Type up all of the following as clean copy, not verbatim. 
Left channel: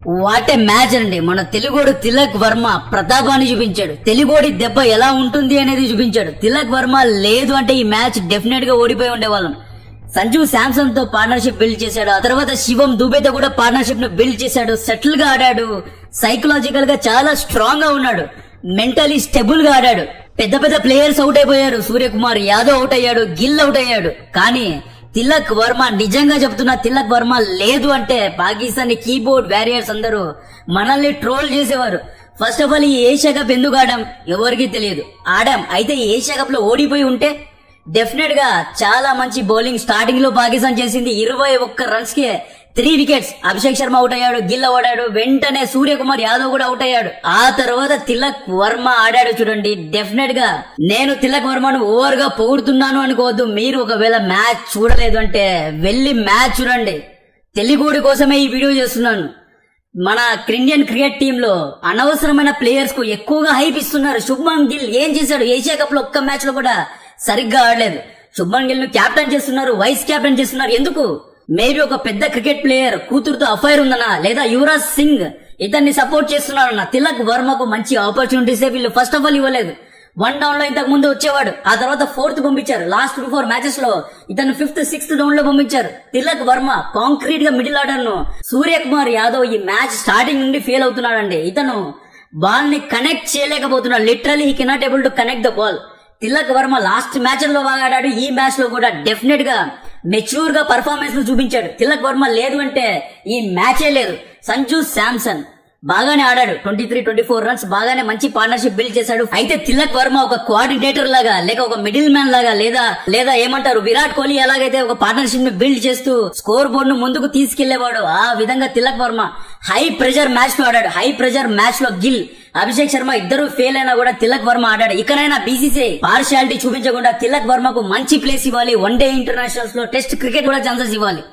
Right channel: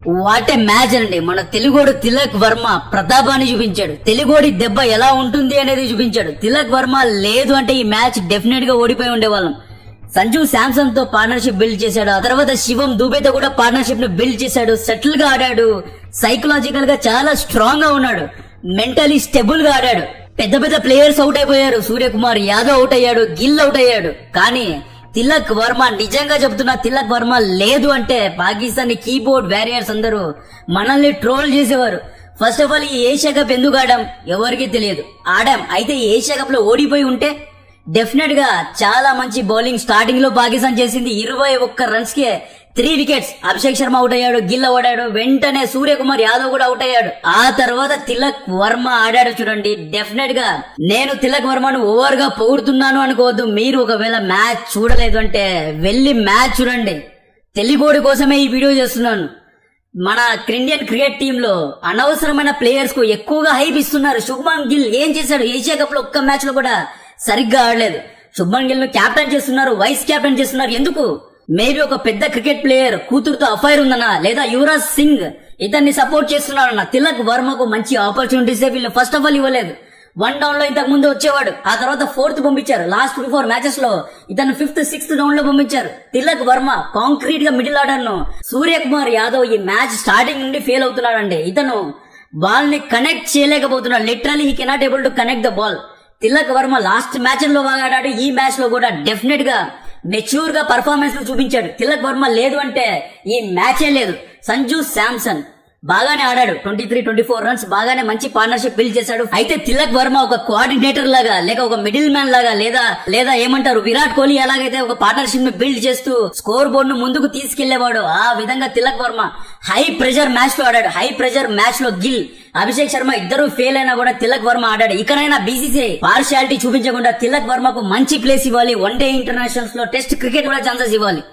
What a match అండి. మన తెలుగోడు తిలక్ వర్మ ప్రతాపాన్ని చూపించాడు. తెలుగోడి దెబ్బ ఎలా ఉంటుంది అనేది చూపించాడు. తిలక్ వర్మ లేదు అంటే ఈ మ్యాచ్ డెఫినెట్ గా ఓడిపోయి ఉండేవాళ్ళం. సంజు శాంసన్ తో పార్ట్నర్షిప్ బిల్డ్ చేశాడు. ఆ తర్వాత శివం దూబేతో కూడా పార్ట్నర్షిప్ ను బిల్డ్ చేశాడు. సెటిల్ గా ఆడాడు. సైకలాజికల్ గా చాలా స్ట్రాంగ్ గా ఉన్నాడు. మెంటలీ స్టెబుల్ గా ఆడాడు. పెద్ద పెద్ద ప్లేయర్స్ అవుట్ అయిపోయారు. సూర్యకుమార్ యాదవ్ అవుట్ అయ్యాడు. గిల్ అవుట్ అయ్యాడు. కానీ తిలక్ వర్మ, నిజంగా చెప్తున్నా, తిలక్ వర్మ లేదు అంటే పాకిస్తాన్ కీబోర్డ్ వారియర్స్ అందరూ మనల్ని ట్రోల్ చేసేవారు. ఫస్ట్ ఆఫ్ ఆల్ ఈ ఏషియా కప్ ఎందుకు ఆడాం ఎవరికి తెలియదు. ఆడాం. అయితే ఈ ఏషియా కప్ లో ఓడిపోయి ఉంటే డెఫినెట్ గా చాలా మంచి బౌలింగ్ స్టార్టింగ్ లో పాకిస్తాన్ చేసింది. 21 రన్స్ కే 3 వికెట్స్. అభిషేక్ శర్మ అవుట్ అయ్యాడు. గిల్ ఆడాడు. వెంటనే సూర్యకుమార్ యాదవ్ కూడా అవుట్ అయ్యాడు. ఆ తర్వాత తిలక్ వర్మ ఆడాడు. చూడండి, డెఫినెట్ గా నేను తిలక్ వర్మను ఓవర్ గా పొగుడుతున్నాను అనుకోవద్దు. మీరు ఒకవేళ మ్యాచ్ చూడలేదు అంటే వెళ్లి మ్యాచ్ చూడండి. తెలుగోడి కోసమే ఈ వీడియో చేస్తున్నాను. మన ఇండియన్ క్రికెట్ టీమ్ లో అనవసరమైన ప్లేయర్స్ కు ఎక్కువగా హైప్ ఇస్తున్నారు. శుభ్మన్ గిల్ ఏం చేశాడు? ఏషియా కప్ లో ఒక్క మ్యాచ్ లో కూడా సరిగ్గా ఆడలేదు. శుభ్మన్ గిల్ ను కెప్టెన్ చేస్తున్నారు, వైస్ కెప్టెన్ చేస్తున్నారు. ఎందుకు? మేబీ ఒక పెద్ద క్రికెట్ ప్లేయర్ కూతురుతో అఫైర్ ఉందనా, లేదా యువరాజ్ సింగ్ ఇతన్ని సపోర్ట్ చేస్తున్నారన్న. తిలక్ వర్మకు మంచి ఆపర్చునిటీస్ వీళ్ళు ఫస్ట్ ఆఫ్ ఆల్ ఇవ్వలేదు. 1 డౌన్ లో ఇంతకు ముందు వచ్చేవాడు. ఆ తర్వాత 4th పంపించారు. లాస్ట్ 4 మ్యాచెస్ లో ఇతను 5th 6th డౌన్ లో పంపించారు. తిలక్ వర్మ కాంక్రీట్ గా మిడిల్ ఆర్డర్ ను సూర్యకుమార్ యాదవ్ ఈ మ్యాచ్ స్టార్టింగ్ నుండి ఫెయిల్ అవుతున్నాడండి. ఇతను బాల్ ని కనెక్ట్ చేయలేకపోతున్నాడు. Literally he cannot able to connect the ball. Tilak Varma last match లో బాగా ఆడాడు. ఈ మ్యాచ్ లో కూడా డెఫినెట్ గా మెచ్యూర్ గా పర్ఫార్మెన్స్ ను చూపించాడు. తిలక్ వర్మ లేదు అంటే ఈ మ్యాచే లేదు. సంజు శాంసన్ బాగానే ఆడాడు. 23-24 రన్స్, బాగానే మంచి పార్ట్నర్షిప్ బిల్డ్ చేశాడు. అయితే తిలక్ వర్మ ఒక కోఆర్డినేటర్ లాగా, లేక ఒక మిడిల్ మ్యాన్ లాగా, లేదా ఏమంటారు విరాట్ కోహ్లీ ఎలాగైతే ఒక పార్ట్నర్షిప్ ని బిల్డ్ చేస్తూ స్కోర్ బోర్డ్ ను ముందుకు తీసుకెళ్లేవాడు, ఆ విధంగా Tilak Varma high pressure match లో ఆడాడు. హై ప్రెషర్ మ్యాచ్ లో గిల్, అభిషేక్ శర్మ ఇద్దరు ఫెయిల్ అయినా కూడా తిలక్ వర్మ ఆడాడు. ఇకనైనా బీసీసీఐ పార్షియాలిటీ చూపించకుండా తిలక్ వర్మకు మంచి ప్లేస్ ఇవ్వాలి. వన్డే ఇంటర్నేషనల్స్ లో టెస్ట్ క్రికెట్ కూడా ఛాన్సెస్ ఇవ్వాలి.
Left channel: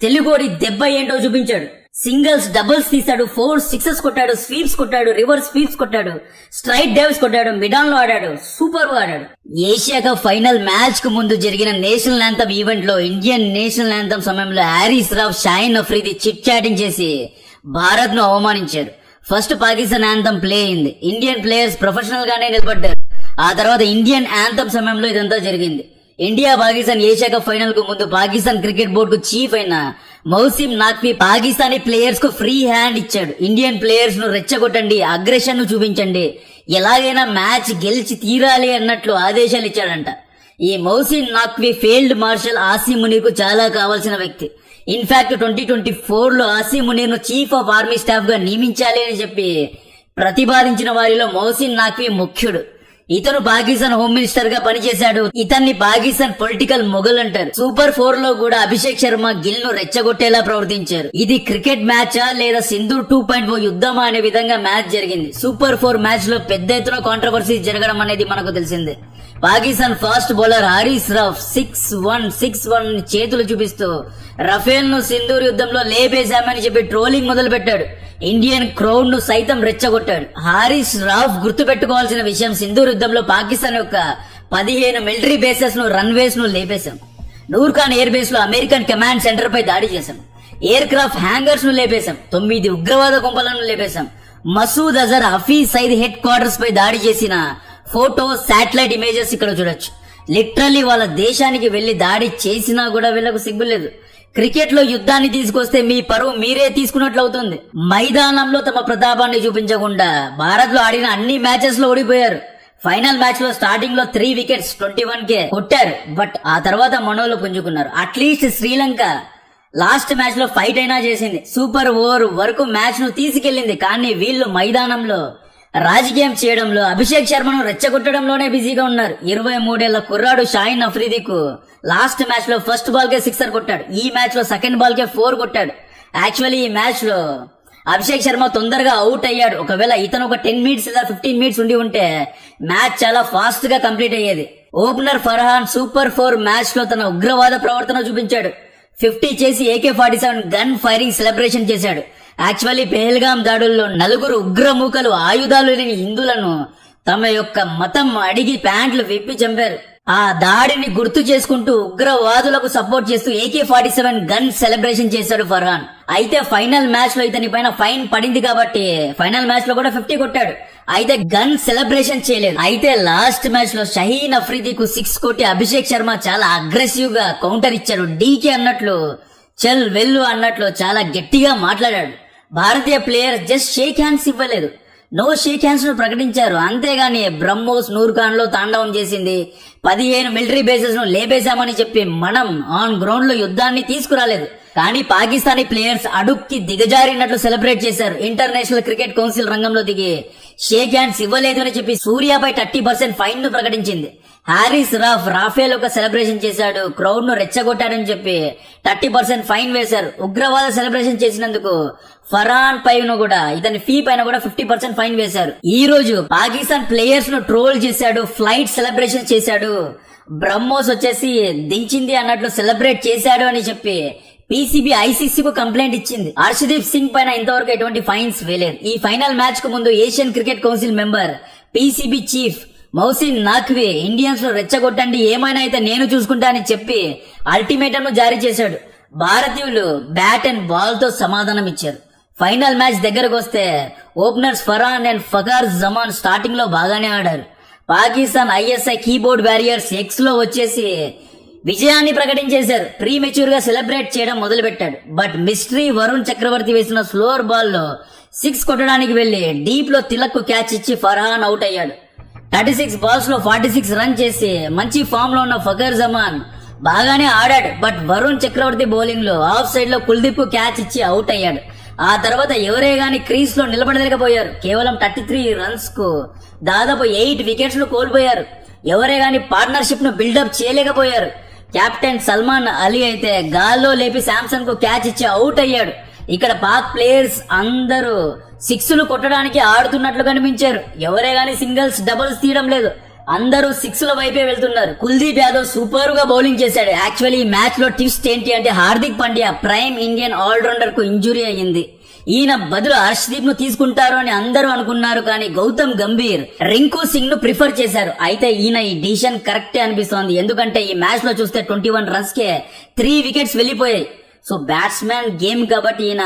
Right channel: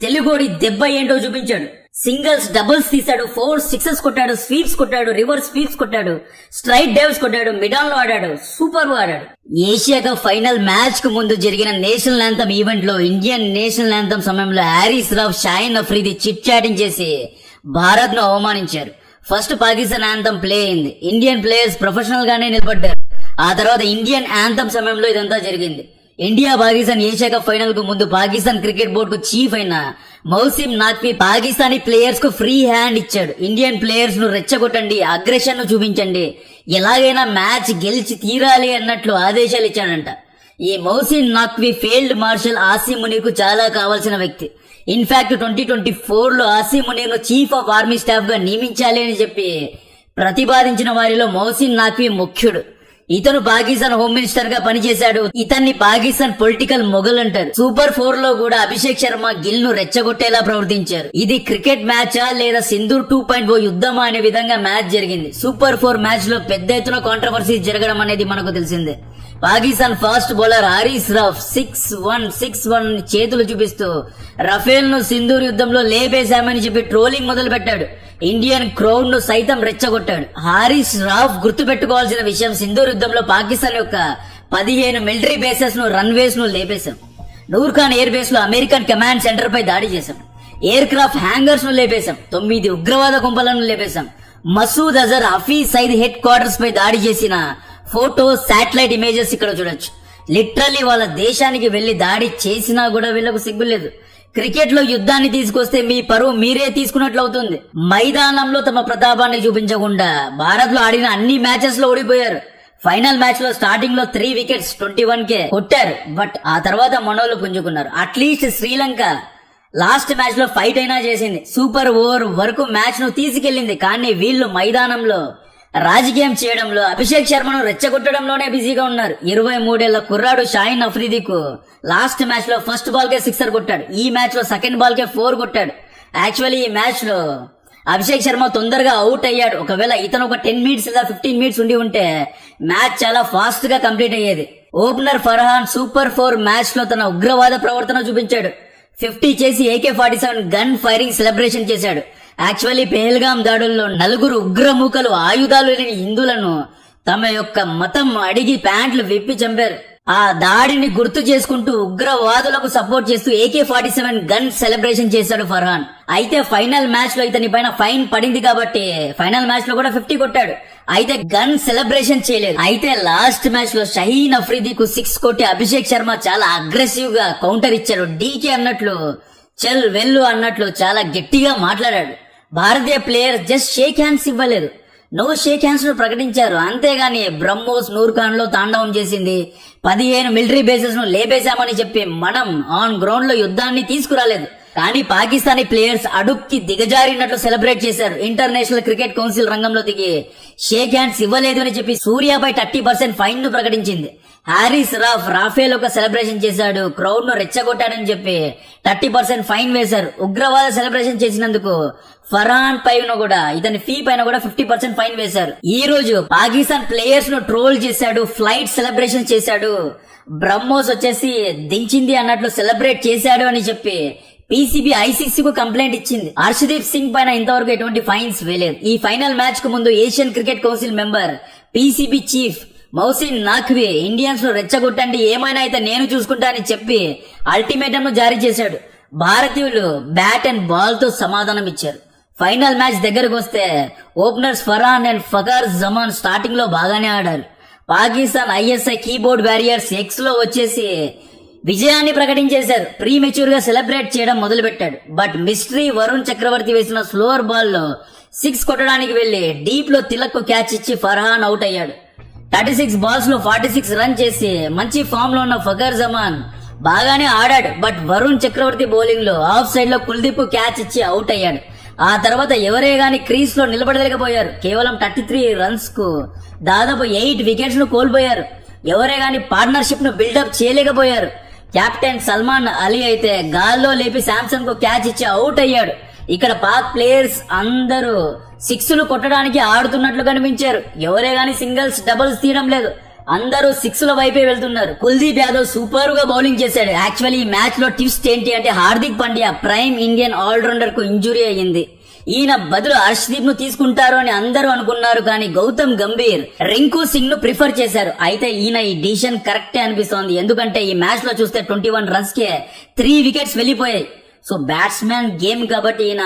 తెలుగోడి దెబ్బ ఏంటో చూపించాడు. సింగిల్స్, డబుల్స్ తీశాడు. 4 సిక్సెస్ కొట్టాడు. స్వీప్స్ కొట్టాడు. రివర్స్ స్వీప్స్ కొట్టాడు. స్ట్రైట్ డైవ్స్ కొట్టాడు. మిడాన్ లో ఆడాడు. సూపర్ గా ఆడాడు. ఏషియా కప్ ఫైనల్ మ్యాచ్ కు ముందు జరిగిన నేషనల్ యాంథమ్ ఈవెంట్ లో ఇండియన్ నేషనల్ యాంథమ్ సమయంలో హారిస్ రావ్, షాహిన్ అఫ్రీది చిట్ చాటింగ్ చేసి భారత్ ను అవమానించారు. ఫస్ట్ పాకిస్తాన్ యాంథమ్ ప్లే అయింది. ఇండియన్ ప్లేయర్స్ ప్రొఫెషనల్ గానే నిలబడ్డారు. ఆ తర్వాత ఇండియన్ యాంథమ్ సమయంలో ఇదంతా జరిగింది. India Pakistan Asia cup final కు ముందు పాకిస్తాన్ క్రికెట్ బోర్డు కు చీఫ్ అయిన మౌసిమ్ నఖ్వీ పాకిస్తానీ ప్లేయర్స్ కు ఫ్రీ హ్యాండ్ ఇచ్చాడు. ఇండియన్ ప్లేయర్స్ ను రెచ్చగొట్టండి, అగ్రెషన్ ను చూపించండి, ఎలాగైనా మ్యాచ్ గెలిచి తీరాలి అన్నట్లు ఆదేశాలు ఇచ్చాడంట. ఈ మౌసిమ్ నఖ్వీ ఫీల్డ్ మార్షల్ ఆసిమ్ మునీర్ కు చాలా కావాల్సిన వ్యక్తి. ఇన్ఫాక్ట్ 2024 లో ఆసిమ్ మునీర్ ను చీఫ్ ఆఫ్ ఆర్మీ స్టాఫ్ గా నియమించాలి అని చెప్పి ప్రతిపాదించిన వారిలో మౌసిమ్ నఖ్వీ ముఖ్యుడు. ఇతను పాకిస్తాన్ హోమ్ మినిస్టర్ గా పనిచేశాడు. ఇతన్ని పాకిస్తాన్ పొలిటికల్ మొగల్ అంటారు. సూపర్ 4 లో కూడా అభిషేక్ శర్మ గిల్ ను రెచ్చగొట్టేలా ప్రవర్తించారు. ఇది క్రికెట్ మ్యాచా లేదా సింధూర్ 2.0 యుద్ధమా అనే విధంగా మ్యాచ్ జరిగింది. సూపర్ 4 మ్యాచ్ లో పెద్ద ఎత్తున కాంట్రవర్సీ జరగడం అనేది మనకు తెలిసిందే. పాకిస్తాన్ ఫాస్ట్ బౌలర్ హారిస్ రావ్ 6-1 చేతులు చూపిస్తూ రఫేల్ ను సింధూర్ యుద్ధంలో లేపేశామని చెప్పి ట్రోలింగ్ మొదలు పెట్టాడు. ఇండియన్ క్రౌడ్ ను సైతం రెచ్చగొట్టాడు. హారిస్ రావ్ గుర్తు పెట్టుకోవాల్సిన విషయం, సింధూర్ యుద్ధంలో పాకిస్తాన్ యొక్క 15 మిలిటరీ బేసెస్ ను, రన్వేస్ ను లేపేశాం. నూర్ఖాన్ ఎయిర్ బేస్ లో అమెరికన్ కమాండ్ సెంటర్ పై దాడి చేశాం. ఎయిర్ క్రాఫ్ట్ హ్యాంగర్స్ ను లేపేశాం. 9 ఉగ్రవాద గుంపలను లేపేశాం. మసూద్ అజర్, హఫీజ్ సయీద్ హెడ్ క్వార్టర్స్ పై దాడి చేసిన ఫోటో, శాటిలైట్ ఇమేజెస్ ఇక్కడ చూడొచ్చు. లిటరల్లీ వాళ్ళ దేశానికి వెళ్లి దాడి చేసినా కూడా వీళ్ళకు సిగ్గులేదు. క్రికెట్ లో యుద్ధాన్ని తీసుకొస్తే మీ పరువు మీరే తీసుకున్నట్లు అవుతుంది. మైదానంలో తమ ప్రతాపాన్ని చూపించకుండా భారత్ లో ఆడిన అన్ని మ్యాచెస్ లో ఓడిపోయారు. ఫైనల్ మ్యాచ్ లో స్టార్టింగ్ లో 3 వికెట్స్ 21 కొట్టారు. బట్ ఆ తర్వాత మనోళ్ళు పుంజుకున్నారు. అట్లీస్ట్ శ్రీలంక లాస్ట్ మ్యాచ్ లో ఫైట్ అయినా చేసింది. సూపర్ ఓవర్ వరకు మ్యాచ్ ను తీసుకెళ్లింది. కానీ వీళ్ళు మైదానంలో రాజకీయం చేయడంలో, అభిషేక్ శర్మను రెచ్చగొట్టడంలోనే బిజీగా ఉన్నారు. 23 ఏళ్ల కుర్రాడు షాహిన్ అఫ్రీదీకు లాస్ట్ మ్యాచ్ లో ఫస్ట్ బాల్ కే 6 కొట్టాడు. ఈ మ్యాచ్ లో సెకండ్ బాల్ కే 4 కొట్టాడు. యాక్చువల్లీ ఈ మ్యాచ్ లో అభిషేక్ శర్మ తొందరగా అవుట్ అయ్యాడు. ఒకవేళ ఇతను ఒక 10 మినిట్స్ లేదా 15 మినిట్స్ ఉండి ఉంటే మ్యాచ్ చాలా ఫాస్ట్ గా కంప్లీట్ అయ్యేది. ఓపెనర్ ఫర్హాన్ సూపర్ 4 మ్యాచ్ లో తన ఉగ్రవాద ప్రవర్తన చూపించాడు. 50 చేసి AK-47 గన్ ఫైరింగ్ సెలబ్రేషన్ చేశాడు. యాక్చువల్లీ పెహల్గాం దాడుల్లో 4 ఉగ్రమూకలు ఆయుధాలు లేని హిందువులను తమ యొక్క మతం అడిగి ప్యాంట్లు విప్పి చంపారు. ఆ దాడిని గుర్తు చేసుకుంటూ ఉగ్రవాదులకు సపోర్ట్ చేస్తూ AK-47 గన్ సెలబ్రేషన్ చేశాడు ఫర్హాన్. అయితే ఫైనల్ మ్యాచ్ లో ఇతని పైన ఫైన్ పడింది కాబట్టి ఫైనల్ మ్యాచ్ లో కూడా 50 కొట్టాడు. అయితే గన్ సెలబ్రేషన్ చేయలేదు. అయితే లాస్ట్ మ్యాచ్ లో షహీన్ అఫ్రీదీకు 6 కొట్టి అభిషేక్ శర్మ చాలా అగ్రెసివ్ గా కౌంటర్ ఇచ్చాడు. డీకే అన్నట్లు చల్ వెళ్ళు అన్నట్లు చాలా గట్టిగా మాట్లాడాడు. భారతీయ ప్లేయర్స్ జస్ట్ షేక్ హ్యాండ్స్ ఇవ్వలేదు, నో షేక్ హ్యాండ్స్ ను ప్రకటించారు. అంతేగాని బ్రహ్మోస్ నూర్ఖాన్ లో తాండవం చేసింది, 15 మిలిటరీ బేసెస్ ను లేపేశామని చెప్పి మనం ఆన్ గ్రౌండ్ లో యుద్ధాన్ని తీసుకురాలేదు. కానీ పాకిస్తానీ ప్లేయర్స్ అడుక్కి దిగజారినట్లు సెలబ్రేట్ చేశారు. ఇంటర్నేషనల్ క్రికెట్ కౌన్సిల్ రంగంలో దిగి షేక్ హ్యాండ్స్ ఇవ్వలేదు అని చెప్పి సూర్యాపై 30% ఫైన్ ను ప్రకటించింది. హారిస్ రాఫేల్ ఒక సెలబ్రేషన్ చేశాడు, క్రౌడ్ ను రెచ్చగొట్టాడని చెప్పి 30% ఫైన్ వేశారు. ఉగ్రవాద సెలబ్రేషన్ చేసినందుకు ఫర్హాన్ పైన కూడా ఇతని ఫీ పైన కూడా 50% ఫైన్ వేశారు. ఈ రోజు పాకిస్తాన్ ప్లేయర్స్ ను ట్రోల్ చేశాడు, ఫ్లైట్ సెలబ్రేషన్ చేశాడు, బ్రహ్మోస్ వచ్చేసి దించింది అన్నట్లు సెలబ్రేట్ చేశాడు అని చెప్పి పీసీబీ ICC కు కంప్లైంట్ ఇచ్చింది. హర్షదీప్ సింగ్ పైన ఇంతవరకు ఎటువంటి ఫైన్స్ వేయలేదు. ఈ ఫైనల్ మ్యాచ్ కు ముందు Asian cricket council member PCB chief Mohsin Naqvi Indians లో రెచ్చగొట్టండి, ఏమైనా అయితే నేను చూసుకుంటా అని చెప్పి అల్టిమేటం ను జారీ చేశాడు. భారతీయులు బ్యాట్ అండ్ బాల్ తో సమాధానం ఇచ్చారు. ఫైనల్ మ్యాచ్ దగ్గరకు వస్తే openers Farhan and Fakhar Zaman starting లో బాగానే ఆడారు. Pakistan ISI keyboard warriors X లో వచ్చేసి విజయాన్ని ప్రకటించేశారు. ప్రీ మెచ్యూర్ గా సెలబ్రేట్ చేయడం మొదలు పెట్టాడు. బట్ మిస్టరీ వరుణ్ చక్రవర్తి వేసిన స్లోవర్ బాల్ లో 6 కొట్టడానికి వెళ్లి డీప్ లో తిలక్ కు క్యాచ్ ఇచ్చి ఫర్హాన్ అవుట్ అయ్యాడు. 36 బాల్స్ లో 46 రన్ చేసి మంచి ఫామ్ లో ఉన్న ఫఖర్ జమాన్ బాగానే ఆడాడు. బట్ వరుణ్ చక్రవర్తి బౌలింగ్ లో ఆఫ్ సైడ్ లో కుల్దీప్ కు క్యాచ్ ఇచ్చి అవుట్ అయ్యాడు. ఆ తర్వాత ఎవరే గాని క్రీజ్ లో నిలబడలేకపోయారు. కేవలం 33 రన్స్ కు దాదాపు 8 వికెట్స్ ను కోల్పోయారు. ఎవరే గాని పార్ట్నర్షిప్ ను బిల్డప్ చేయలేకపోయారు. కెప్టెన్ సల్మాన్ అలీ అయితే గాల్లో లేపి శాంసన్ కు క్యాచ్ ఇచ్చి అవుట్ అయ్యాడు. ఇక్కడ పాక్ ప్లేయర్స్ అందరూ 6లు కొట్టడానికి ఆడుతున్నట్లు కనిపించారు. ఎవరే గాని సింగిల్స్ డబుల్స్ తీయడం లేదు, అందరూ 6ల వైపే వెళ్తున్నారు. కుల్దీప్ యాదవ్ సూపర్ గా బౌలింగ్ చేశాడు. యాక్చువల్లీ ఈ మ్యాచ్ లో ట్విస్ట్ ఏంటి అంటే Hardik Pandya prime Indian allrounder కు ఇంజురీ అయ్యింది. ఈయన బదులు హర్షదీప్ ను తీసుకుంటారు అని అందరూ అనుకున్నారు. కానీ గౌతమ్ గంభీర్ రింకు సింగ్ ను ప్రిఫర్ చేశారు. అయితే ఈయన ఈ డిసిషన్ కరెక్టే అనిపిస్తోంది. ఎందుకంటే ఈ మ్యాచ్ లో చూస్తే 21 రన్స్ కే 3 వికెట్స్ వెళ్లిపోయాయి. సో బ్యాట్స్మెన్ గేమ్ కాబట్టి ఈయన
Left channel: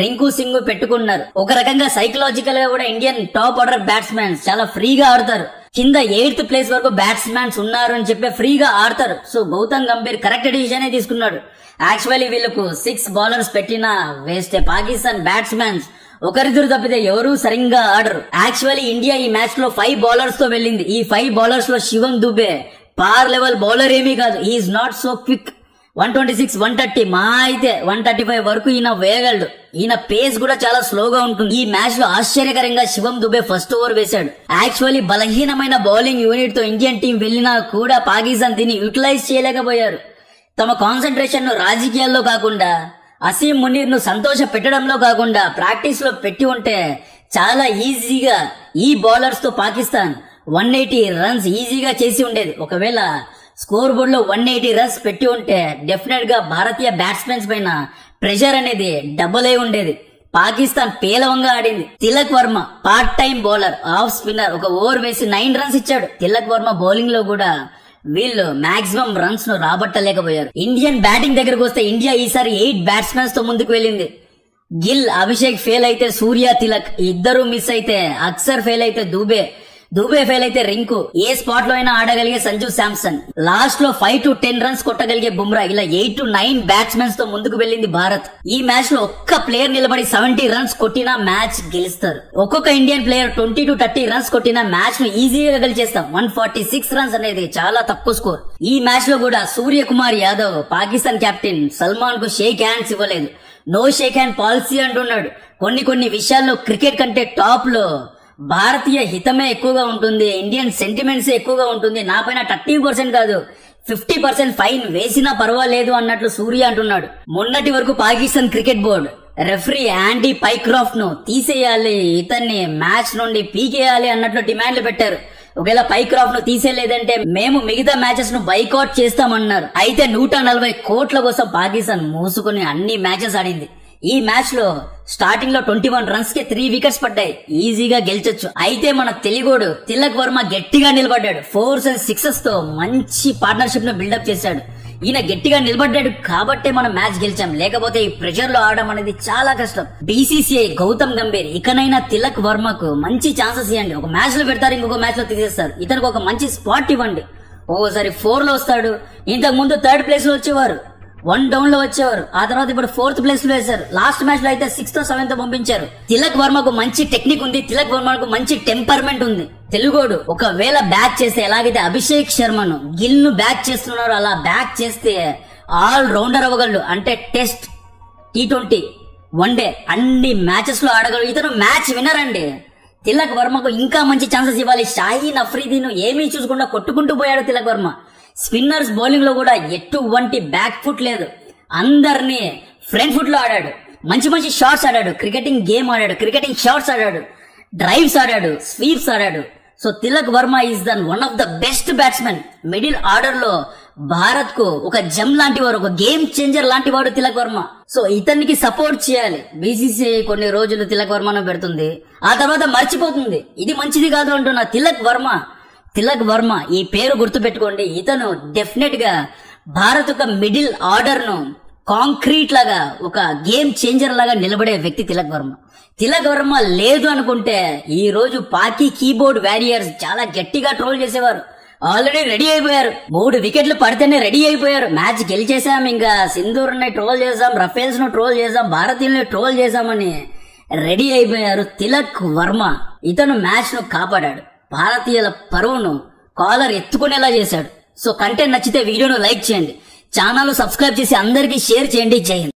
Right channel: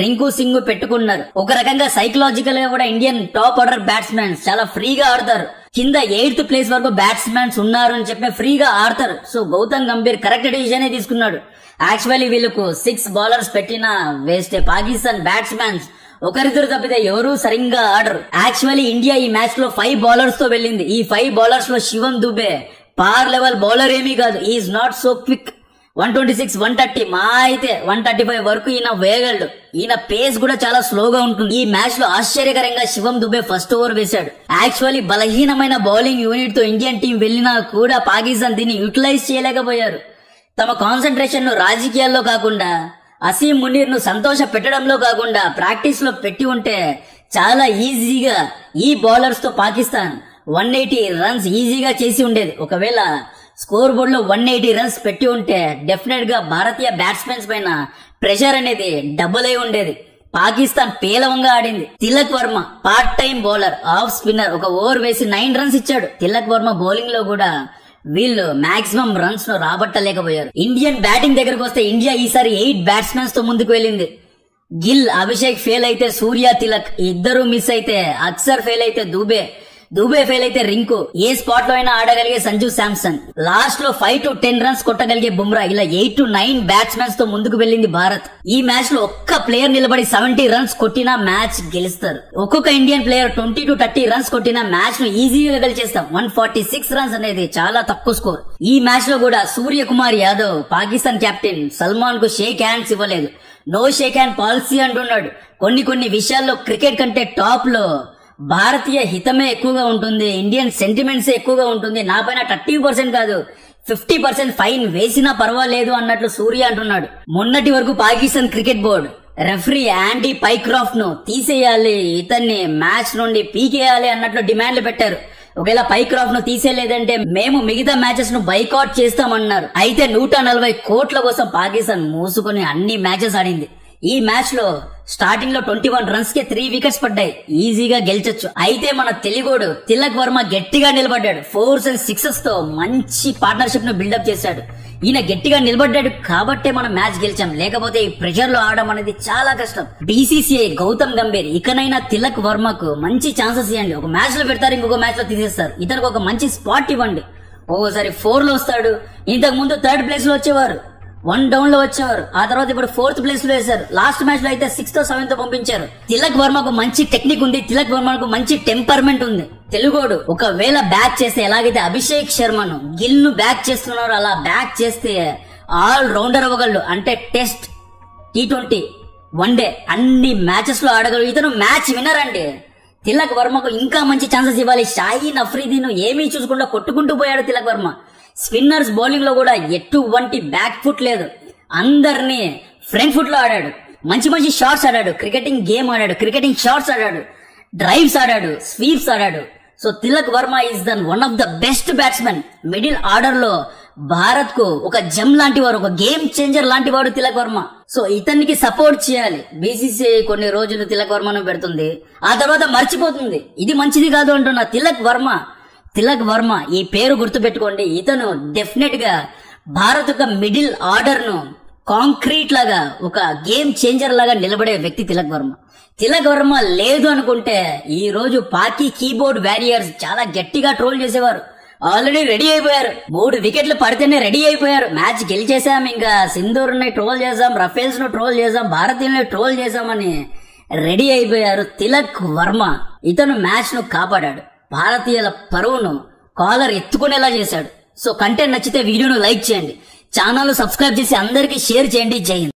రింకు సింగ్ పెట్టుకున్నారు. ఒక రకంగా సైకలాజికల్ గా కూడా ఇండియన్ టాప్ ఆర్డర్ బ్యాట్స్మెన్ చాలా ఫ్రీగా ఆడతారు. కింద 8th ప్లేస్ వరకు బ్యాట్స్మెన్స్ ఉన్నారు అని చెప్పి ఫ్రీగా ఆడతారు. So Gautam Gambhir correct decision తీసుకున్నాడు. యాక్చువల్లీ వీళ్ళకు 6 బౌలర్స్ పెట్టినా వేస్తే పాకిస్తాన్ బ్యాట్స్మెన్స్ ఒకరిద్దరు తప్పితే ఎవరూ సరిగ్గా ఆడరు. యాక్చువల్లీ ఇండియా ఈ మ్యాచ్ లో 5 బౌలర్స్ తో వెళ్ళింది. ఈ 5 బౌలర్స్ లో శివం దుబే పార్ లెవెల్ బౌలర్ ఏమీ కాదు. Is not so quick. 126, 130 మా అయితే 135 వరకు ఈయన వేయగలడు. ఈయన పేస్ కూడా చాలా స్లోగా ఉంటుంది. ఈ మ్యాచ్ లో ఆశ్చర్యకరంగా శివం దుబే ఫస్ట్ ఓవర్ వేశాడు. యాక్చువల్లీ బలహీనమైన బౌలింగ్ యూనిట్ తో ఇండియన్ టీం వెళ్లినా కూడా పాకిస్తాన్ దీన్ని యూటిలైజ్ చేయలేకపోయారు. తమ కాన్సన్ట్రేషన్ ను రాజకీయాల్లో కాకుండా అసీం మునీర్ ను సంతోష పెట్టడంలో కాకుండా ప్రాక్టీస్ లో పెట్టి ఉంటే చాలా ఈజీగా ఈ బౌలర్స్ తో పాకిస్తాన్ 180 రన్స్ ఈజీగా చేసి ఉండేది. ఒకవేళ స్కోర్ బోర్డ్ లో 180 రన్స్ పెట్టి ఉంటే డెఫినెట్ గా భారతీయ బ్యాట్స్మెన్స్ పైన ప్రెషర్ అనేది డబుల్ అయి ఉండేది. పాకిస్తాన్ పేలవంగా ఆడింది. Tilak Varma part time bowler, off spinner, ఒక ఓవర్ వేసి 9 రన్స్ ఇచ్చాడు. తిలక్ వర్మ బౌలింగ్ లో కూడా వీళ్ళు మాక్సిమం రన్స్ ను రాబట్టలేకపోయారు. ఇండియన్ బ్యాటింగ్ దగ్గరకు వస్తే ఇండియా ఈసారి 8 బ్యాట్స్మెన్స్ తో ముందుకు వెళ్ళింది. గిల్, అభిషేక్ ఫెయిల్ అయితే సూర్య, తిలక్ ఇద్దరు మిస్ అయితే, అక్సర్ ఫెయిల్ అయితే దూబే ఫెయిల్ అయితే రింకు, ఏ స్పాట్ లో అయినా ఆడగలిగే సంజు శాంసన్, లాస్ట్ లో 5 to 10 రన్స్ కొట్టగలిగే బుమ్రా, ఇలా 8 to 9 బ్యాట్స్మెన్స్ తో ముందుకు వెళ్ళింది భారత్. ఈ మ్యాచ్ లో ఒక్క ప్లేయర్ నిలబడి 70 రన్స్ కొట్టినా మ్యాచ్ గెలుస్తారు. ఒక్కొక్క ఇండియన్ ప్లేయర్ 20 to 30 రన్స్ కొట్టినా మ్యాచ్ ను ఈజీగా గెలిచేస్తాం. 146 రన్స్ అనేది చాలా తక్కువ స్కోర్. ఈ మ్యాచ్ లో కూడా సూర్యకుమార్ యాదవ్ పాకిస్తాన్ కెప్టెన్ సల్మాన్ కు షేక్ హ్యాండ్స్ ఇవ్వలేదు. నో షేక్ హ్యాండ్ పాలసీ అంటున్నాడు. కొన్ని విషయాల్లో క్రికెట్ కంటే టాప్ లో భారతీయ హితమే ఎక్కువగా ఉంటుంది, ఇండియన్ సెంటిమెంట్స్ ఎక్కువగా ఉంటుంది. నా పైన 30% కాదు 50% ఫైన్ వేసినా పర్వాలేదు అన్నట్లు సూర్య అంటున్నాడు. మొన్నటి వరకు Pakistan cricket board referee యాండీ Pycroft ను తీసేయాలి, ఇతన్ని మ్యాచ్ నుండి పీకేయాలి అన్నట్లు డిమాండ్లు పెట్టారు. ఒకవేళ పైక్రాఫ్ట్ ను తీసేయలేదంటే మేము మిగతా మ్యాచెస్ ను బైకాట్ చేస్తామన్నారు. అయితే 140 కోట్ల కోసం పాకిస్తాన్ మూసుకుని అన్ని మ్యాచెస్ ఆడింది. ఈ మ్యాచ్ లో స్టార్టింగ్ లో 21 రన్స్ కి 3 వికెట్స్ పడ్డాయి. ఈజీగా గెలిచొచ్చు. అయితే మన తెలుగోడు తిలక్ వర్మ గట్టిగా నిలబడ్డాడు. 4s and 6s తో మంచి పార్ట్నర్షిప్ ను బిల్డప్ చేశాడు. ఈయన గట్టిగా నిలబడ్డాడు కాబట్టే మనం మ్యాచ్ గెలిచాం. లేకపోతే ఈ ప్రెషర్ లో ఆడడం అనేది చాలా కష్టం. BCCI గౌతమ్ గంభీర్ ఇకనైనా తిలక్ వర్మకు మంచి ఛాన్సెస్ ఇవ్వండి. ఒక మ్యాచ్ లో పెడతారు, ఇంకొక మ్యాచ్ లో తీసేస్తారు. ఇతనికి ఒక మంచి స్పాట్ ఇవ్వండి. ఓసారి 4 లో వస్తాడు. ఇంతకు ముందు 3rd ప్లేస్ లో వచ్చేవారు, 1 డౌన్ లో వచ్చేవారు. ఆ తర్వాత ఇప్పుడు 4th ప్లేస్ లో వేశారు. లాస్ట్ మ్యాచ్ లో అయితే 6th or 7th పంపించారు. తిలక్ వర్మకు మంచి టెక్నిక్ ఉంది. తిలక్ వర్మకు మంచి టెంపర్మెంట్ ఉంది. తెలుగోడు ఒకవేళ బ్యాక్ చేస్తే ఎలాగైతే అభిషేక్ శర్మను గిల్ ను బ్యాక్ చేస్తున్నారో అలా బ్యాక్ చేస్తే ఆల్ రౌండర్ అవ్వగలడు. అంటే టెస్ట్, T20, వన్డే అన్ని మ్యాచెస్ లో ఆడగలడు. ఇతను మ్యాచ్ విన్నర్ అండి. తిలక్ వర్మకు ఇంకా మంచి ఛాన్సెస్ ఇవ్వాలి. షాహీన్ అఫ్రీదీను ఏమీ చూసుకుండా కొట్టుకుంటూ పోయాడు తిలక్ వర్మ. స్పిన్నర్స్ బౌలింగ్ లో కూడా ఎటువంటి బ్యాక్ ఫుట్ లేదు. అందరినీ ఫ్రంట్ ఫుట్ లో ఆడాడు. మంచి మంచి షాట్స్ ఆడాడు. క్రికెటింగ్ గేమ్ ఆడాడు. క్రికెటింగ్ షాట్స్ ఆడాడు. డ్రైవ్స్ ఆడాడు. స్వీప్స్ ఆడాడు. So Tilak Varma is one of the best batsmen. Middle order లో భారత్ కు ఒక జమ్ లాంటి వాడు, ఒక గేమ్ చేంజర్ లాంటి వాడు తిలక్ వర్మ. సో ఇతనికి సపోర్ట్ చేయాలి. BCCI కొన్ని రోజులు తిలక్ వర్మను పెడుతుంది, ఆ తర్వాత మర్చిపోతుంది. ఇది మంచిది కాదు అంటున్నా. తిలక్ వర్మ ఈ పేరు గుర్తు పెట్టుకోండి. ఇతను డెఫినెట్ గా భారత్ యొక్క మిడిల్ ఆర్డర్ ను కాంక్రీట్ లాగా, ఒక గేమ్ చేంజర్ లాగా నిలబడే వ్యక్తి తిలక్ వర్మ. తిలక్ వర్మ లేదు అనుకుంటే ఈ రోజు పాకీ కీబోర్డ్ వారియర్స్ చాలా గట్టిగా ట్రోల్ చేసేవారు. ఆల్రెడీ రెడీ అయిపోయారు. 3 వికెట్లు పడితేనే రెడీ అయిపోయారు. మ్యాచ్ గెలిచేసాం, ఇంకా సింధూర్ ని ట్రోల్ చేసాం, రఫేల్స్ ను ట్రోల్ చేసాం, భారతీయుల్ని ట్రోల్ చేసామని రెడీ అయిపోయారు. తిలక్ వర్మ ఇతను మ్యాచ్ ను కాపాడాడు. భారతీయుల పరువును కాలర్ ఎత్తుకునేలా చేశాడు. సో కంటెంట్ నచ్చితే వీడియోను లైక్ చేయండి, ఛానల్ ను సబ్స్క్రైబ్ చేసి అందరికీ షేర్ చేయండి. జై హింద్.